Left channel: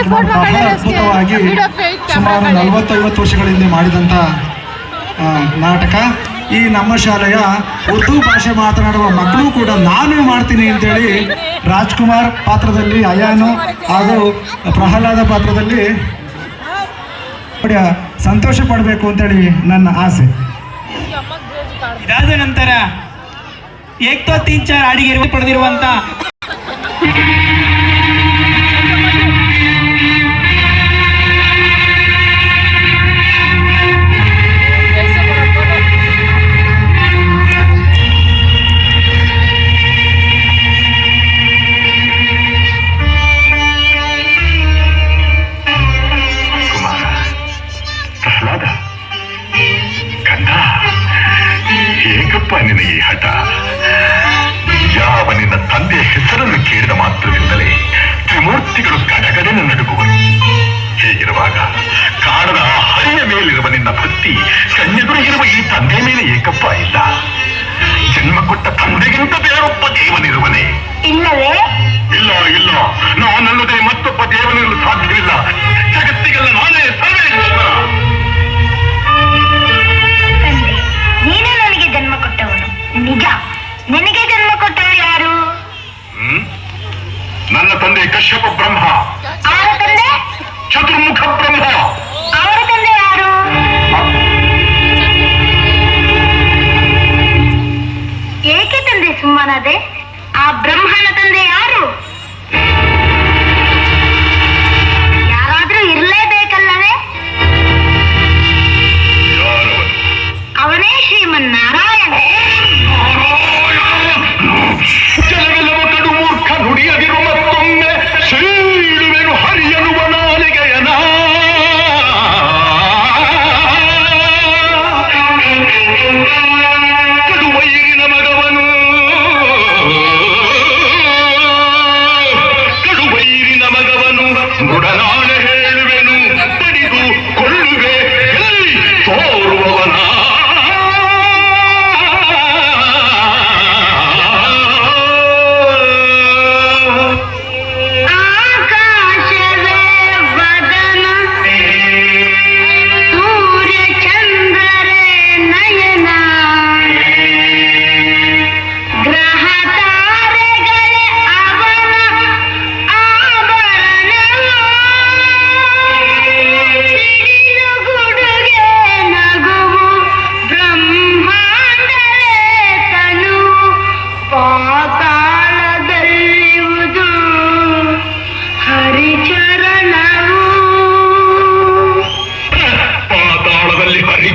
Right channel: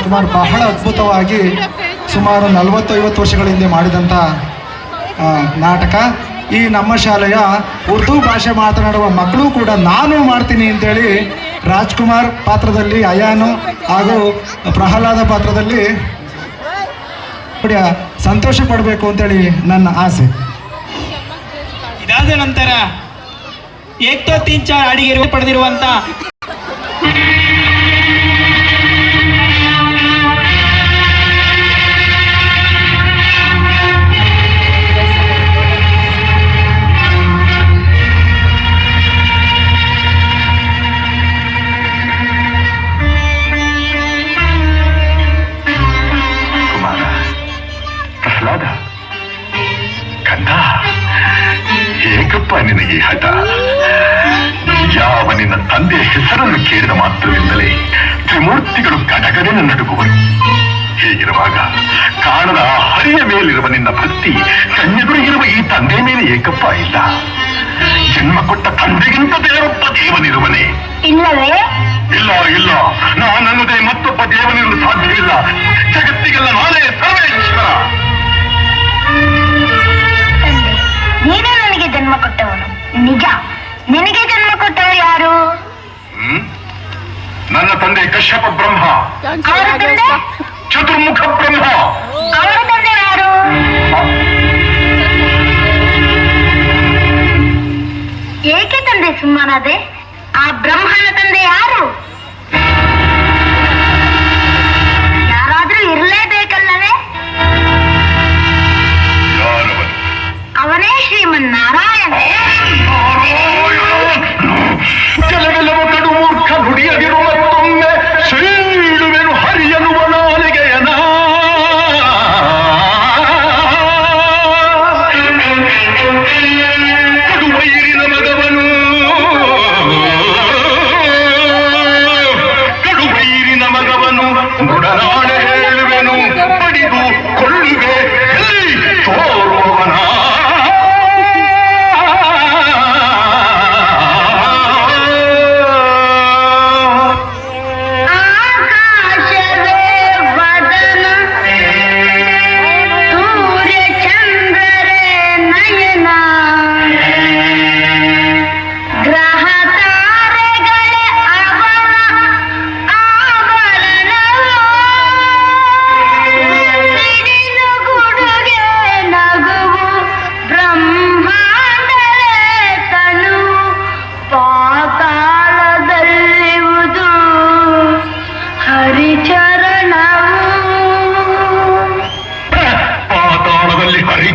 ರಾಜ್ಕುಮಾರ್ ಬಹಳ ಅದ್ಭುತವಾಗಿ ಸುಮಾರು 40-50 ವರ್ಷಗಳ ಹಿಂದೆ ಮಾಡಿದಂಥ ನಾಟಕ. ಈ ನಮ್ಮ ಶಾಲೆಯ ಉರ್ದು ಭಾಷೆ ಮಾತನಾಡುವ ಮಕ್ಕಳು ಕೂಡ ನಾನು ಮಾಡ್ತೀನಿ ಅಂತೇಳಿ ರಾಜ್ಕುಮಾರ್ ಪಾತ್ರದಲ್ಲಿ ಅಯಾನು ಹಾಗೂ ಪ್ರಹ್ಲಾದ ಪಾತ್ರದಲ್ಲಿ ಸಂತೋಷ ಪಡಬೇಕು ಅಂತೇಳಿ ನನ್ನ ಆಸೆ. ಇದಾದ ನಂತರ ಏಕ್ತೋ 3-4 ಹಾಡಿಗೆ ಪಡೆದಿರುವಂತ ಏಕಪ್ಪ ನಿನಗೆ ಹಠ. ಯಾವ ನಿನ್ನ ತಂದೆಯ ಹೆಸರನ್ನು ಕೇಳಿದ ಮಾತ್ರದಿಂದಲೇ ತ್ರಿಮೂರ್ತಿಗಳು ಗಡಗಡೆನ ನಡುಗುವರು. ಹೀಗಿರುವಾಗ ಕಾಣದ ಹರಿಯ ಮೇಲಿರುವ ನಿನ್ನ ಭಕ್ತಿ ಕಣ್ಣೆದುರು ಇರುವ ಈ ತಂದೆ ಮೇಲೆ ಏಕಪ್ಪ ಇಲ್ಲ. ಜನ್ಮ ಕೊಟ್ಟ ತಂದೆಗಿಂತ ಬೇರೊಬ್ಬ ದೇವನಿರುವನೇ? ಇಲ್ಲವೇ? ಇಲ್ಲ ಇಲ್ಲ, ನಾನಲ್ಲದೆ ಮತ್ತೊಬ್ಬ ದೇವನಿರಲು ಸಾಧ್ಯವಿಲ್ಲ. ಜಗತ್ತಿಗೆಲ್ಲ ನಾನೇ ಸರ್ವೇಶ್ವರ. ನೀನೇ ನನಗೆ ಜನ್ಮ ಕೊಟ್ಟವನು. ನಿಜ, ನಿನಗೆ ಜನ್ಮ ಕೊಟ್ಟವರು ಯಾರು? ನನ್ನ ತಂದೆ ಕಶ್ಯಪ ಬ್ರಹ್ಮ. ಚತುರ್ಮುಖ ಬ್ರಹ್ಮ. ಅವರ ತಂದೆ ಯಾರು? ಏಕೆ ತಂದೆ ಸುಮ್ಮನಾದೆ? ಆ ಬ್ರಹ್ಮನ ತಂದೆ ಯಾರು? ಯಾರಾದ್ರೂ ಇರಲೇಬೇಕಲ್ಲವೇ? ಅವನೇ ಶ್ರೀಮನ್ನಾರಾಯಣ. ಕೆಲವೆಲ್ಲವ ಕಡು ಮೂರ್ಖ ನುಡಿಯದಿರು ಮತ್ತೊಮ್ಮೆ ಶೀಳುವೆನು ಹರಿಯನುವ ನಾಲಿಗೆಯನ. ಕಡುವೈರಿನ ಮಗವನು ನುಡನಾಳೆ ಹೇಳುವೆನು ಬಡಿದು ಕೊಳ್ಳುವೆ ಎಲ್ಲಿ ತೋರುವವನ.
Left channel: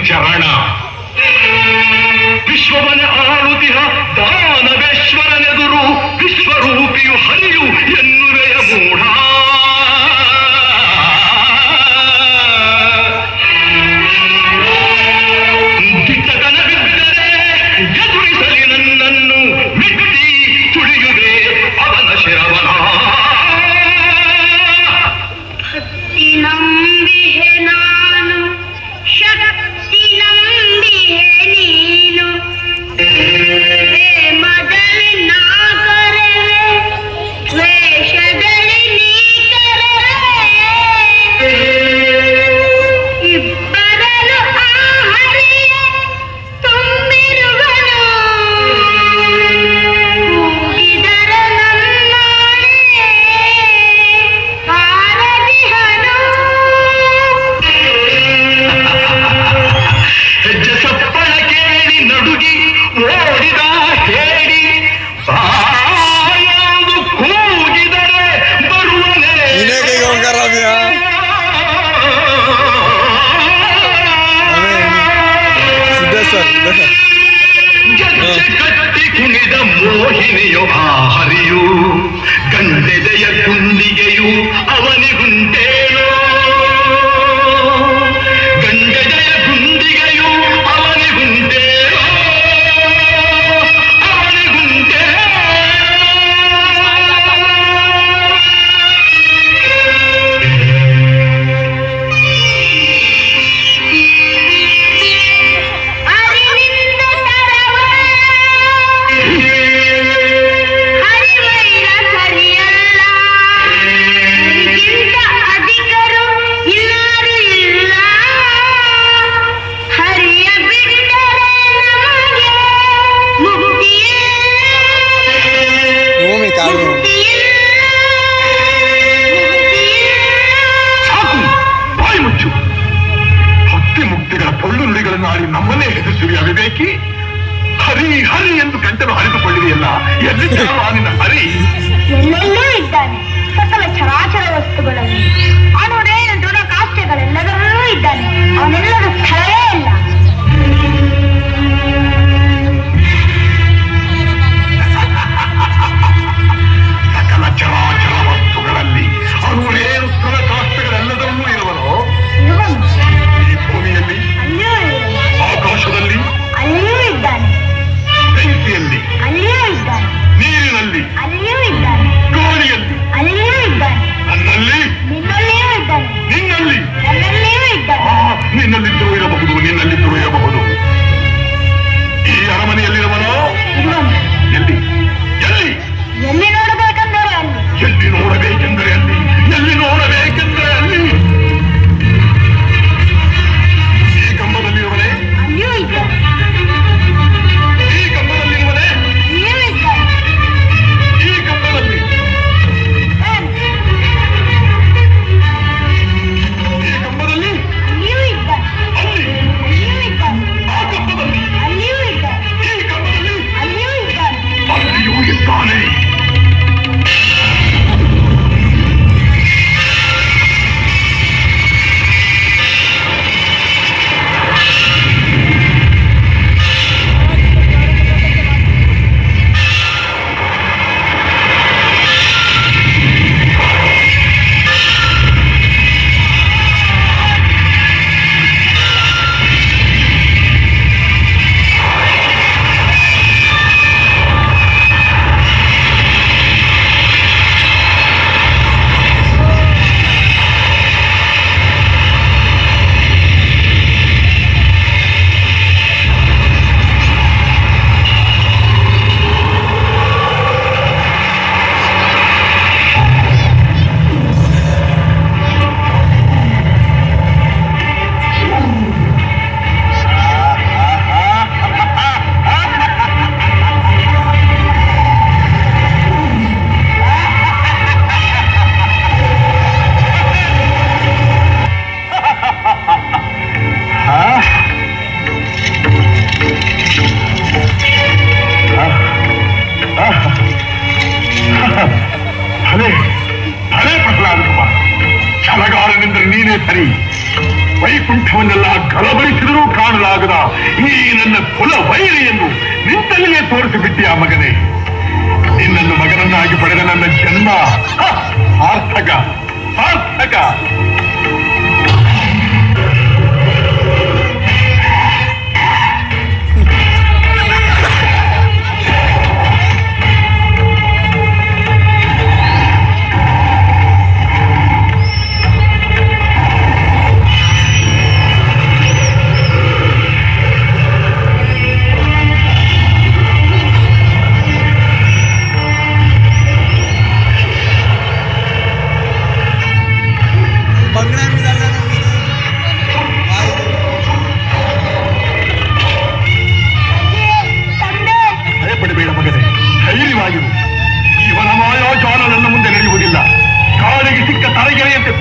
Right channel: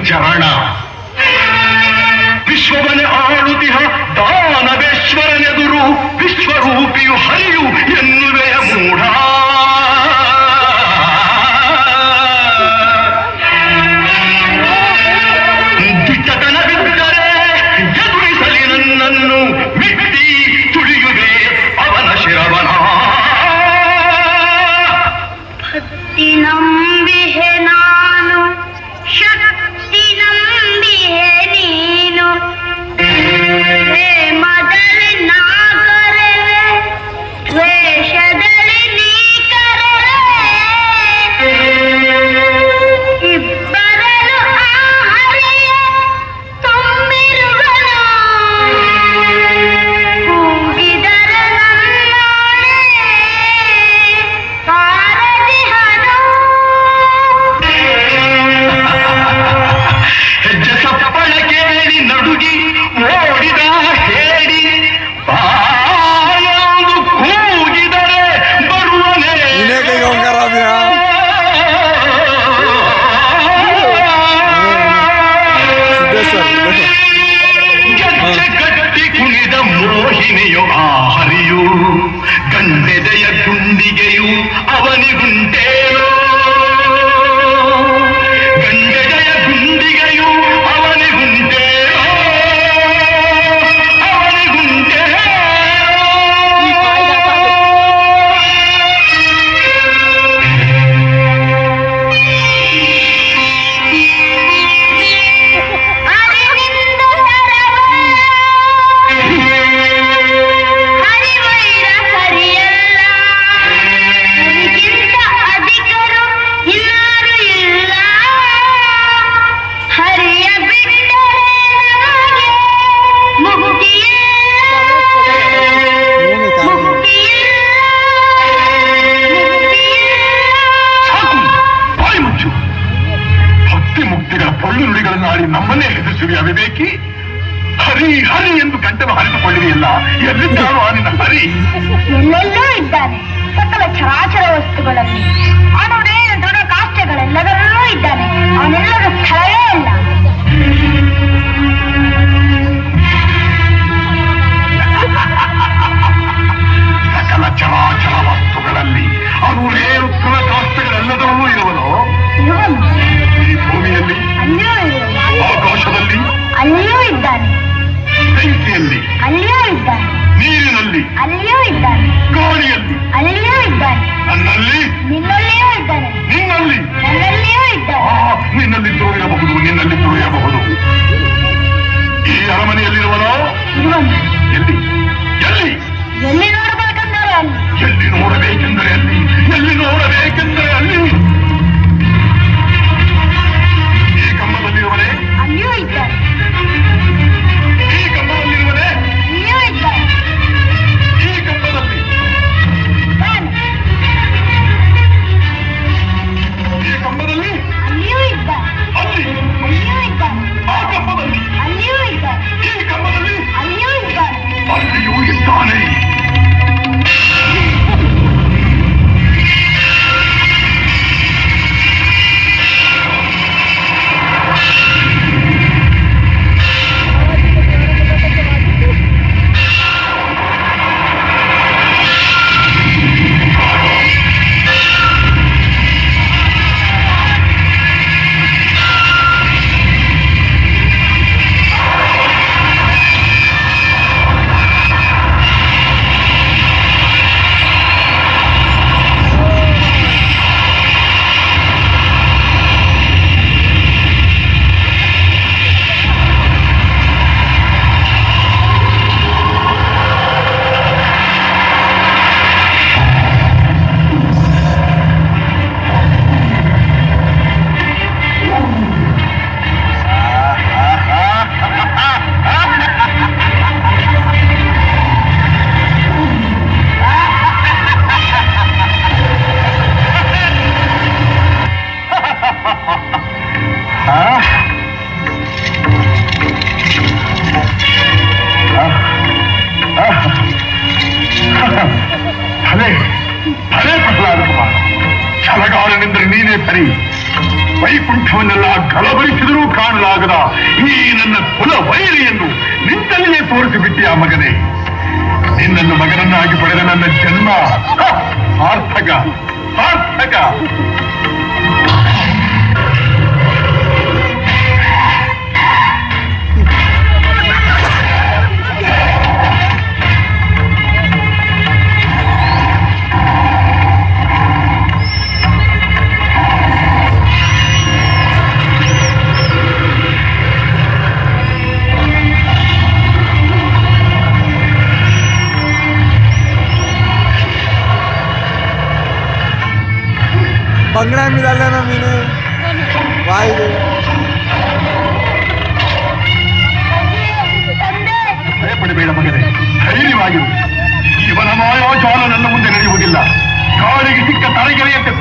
ಚರಣ ವಿಶ್ವವನ ಆಳುತಿಹ ದಾನವೇಶ್ವರನೆದುರು ವಿಶ್ವರೂಪಿಯು ಹರಿಯು ಎನ್ನುವೆಯ ಮೂಢ. ದಿಟ್ಟತನವಿದ್ದರೆ ಎದುರಿಸಲಿ ನನ್ನನ್ನು ಮೆಟ್ಟಿ ತುಳಿಯುವೆ ಅವನ ಶಿರವನ. ಭಕ್ತಿ ನಂಬಿಹೆ ನಾನು, ಶಕ್ತಿ ನಂಬಿಹೆ ನೀನು. ಪ್ರೇಮದಲ್ಲಿ ನಾ ಕರಲೆ, ದ್ವೇಷದಲ್ಲಿ ನೀ ಕರಲೆ. ಇಬ್ಬರಲು ಆ ಹರಿಯ ತುಂಬಿರುವನು. ಕೂಗಿದರ ನನ್ನಾಣೆ ಪಾರದಿಹನು. ಹೆಜ್ಜೆ ಸಪ್ಪಳ ಕೇಳಿ ನಡುಗಿ ಓಡಿದ ಹೇಳಿ ಬಾಯೊಂದು ಕೂಗಿದರೆ ಬರುವನೆ. ಗಟ್ಟಿ ಕುಣಿದ ಮೋಹಿನಿಯು ಆ ಹರಿಯು ಗಂಡೆದೆಯ ಗುಂಡಿಗೆಯು ಅವನಿಗುಂಟೇನೋ. ಗಂಡೆದೆಯ ಗುಂಡಿಗೆಯು ಅವನಿಗುಂಟೇನೋ, ಅವನಿಗುಂಟೇನೋ. ಹರಿವೈರ ಸರಿಯಲ್ಲ, ನಿನಗಿಂತ ಮಾಡಿ ನಮ್ಮನ್ನೇ ಹೆದರಿಸಿರಿ ಅವಿವೇಕಿ. ಹರಿ ಹರಿ ಎಂದು ಗಂಟಲು ಹರಿದುಕೊಳ್ಳಿದೆಯಲ್ಲ, ಎಲ್ಲಿದ್ದಾನೋ ನಿನ್ನ ಹರಿ? ಎಲ್ಲೆಲ್ಲೂ ಇದ್ದಾನೆ. ಸಕಲ ಚರಾಚರ ವಸ್ತುಗಳಲ್ಲಿ ಅಣುರೇಣ ದೃಢ ಕಾಷ್ಠಗಳೆಲ್ಲದರಲ್ಲೂ ಇದ್ದಾನೆ. ಅವನೆಲ್ಲದ ಸ್ಥಳವೇ ಇಲ್ಲ. ಸಕಲ ಚರಾಚರ ವಸ್ತುಗಳಲ್ಲಿ ಅಣುರೇಣು ದೃಢ ಕಾಷ್ಠಗಳೆಲ್ಲದರಲ್ಲೂ ಇರುವನು. ಇರುವನು. ಈ ಭೂಮಿಯಲ್ಲಿ, ಅಲ್ಲಿಯೂ ಇರುವನು. ಆಕಾಶದಲ್ಲಿ, ಅಲ್ಲಿಯೂ ಇದ್ದಾನೆ. ಬೆಂಕಿಯಲ್ಲಿ, ಅಲ್ಲಿಯೂ ಇದ್ದಾನೆ. ನೀರಿನಲ್ಲಿ, ಅಲ್ಲಿಯೂ ಇದ್ದಾನೆ. ಗಾಳಿಯಲ್ಲಿ, ಅಲ್ಲಿಯೂ ಇದ್ದಾನೆ. ನನ್ನಲ್ಲಿ, ನಿನ್ನಲ್ಲಿಯೂ ಇದ್ದಾನೆ. ನಿನ್ನಲ್ಲಿ, ನನ್ನಲ್ಲಿಯೂ ಇದ್ದಾನೆ. ನಿನ್ನಲ್ಲಿದ್ದರೂ ಇರಬಹುದು, ನಿನ್ನಲ್ಲಿದ್ದರೂ ಇರಬಹುದು. ಈ ಅರಮನೆಯಲ್ಲಿರುವನೋ? ಇರುವನು. ಎಲ್ಲಿ ಎಲ್ಲಿ ಎಲ್ಲಿ ನೋಡಬೇಕೆಂದರೆ ಅಲ್ಲಿ. ಎಲ್ಲಿ ನೋಡಬೇಕೆಂದರೆ ಅಲ್ಲಿ, ಎಲ್ಲಿ ನೋಡಬೇಕೆಂದರೆ ಅಲ್ಲಿ. ಈ ಕಂಬದಲ್ಲಿರುವನೇ? ಅಲ್ಲಿಯೂ ಇದ್ದಾನೆ. ಈ ಕಂಬದಲ್ಲಿರುವನೇ? ಅಲ್ಲಿಯೂ ಇದ್ದಾನೆ. ಈ ಕಂಬದಲ್ಲಿ, ಇದ್ದಾನೆ. ಈ ಕಂಬದಲ್ಲಿ, ಅಲ್ಲಿಯೂ ಇದ್ದಾನೆ. ಅಲ್ಲಿ, ಅಲ್ಲಿಯೂ ಇದ್ದಾನೆ. ಆ ಕಂಬದಲ್ಲಿ, ಅಲ್ಲಿಯೂ ಇದ್ದಾನೆ. ಈ ಕಂಬದಲ್ಲಿ, ಅಲ್ಲಿಯೂ ಇದ್ದಾನೆ. ಅಲ್ಲಿಯೂ ಇದ್ದಾನೆ. ಛಲಗಾರನೆಂದರೆ ನೀನೇ ಸರಿ. ವೈಕುಂಠವನ್ನೆಲ್ಲ ಗಲಬಲಿಸಿದರೂ ಕಾಣಲಾಗದ ಈ ನನ್ನ ಕುಲ ವೈರಿಯನ್ನು ನಿಂತಲ್ಲಿಯೇ ತೋರಿಸಿಬಿಟ್ಟಿಯ ಮಗನೇ. ನಿನ್ನನ್ನು ಮಗನನ್ನಾಗಿ ಪಡೆದ ನನ್ನ ಜನ್ಮ ಸಾರ್ಥಕ ಸಾರ್ಥಕ. बंगड़ा मिला ना मैंने भाई ಭಯಪಡಬೇಡ ಮಗನೇ, ಧೈರ್ಯವಾಗಿರು. ಇವನ ಮಾಯಾಜಾಲ ನನ್ನ ಮುಂದೆ ನಡೆಯುವುದಿಲ್ಲ. ಕಾಳಿಗೆ ಸಿಕ್ಕ ತಲೆಗೆಳೆಯಂತೆ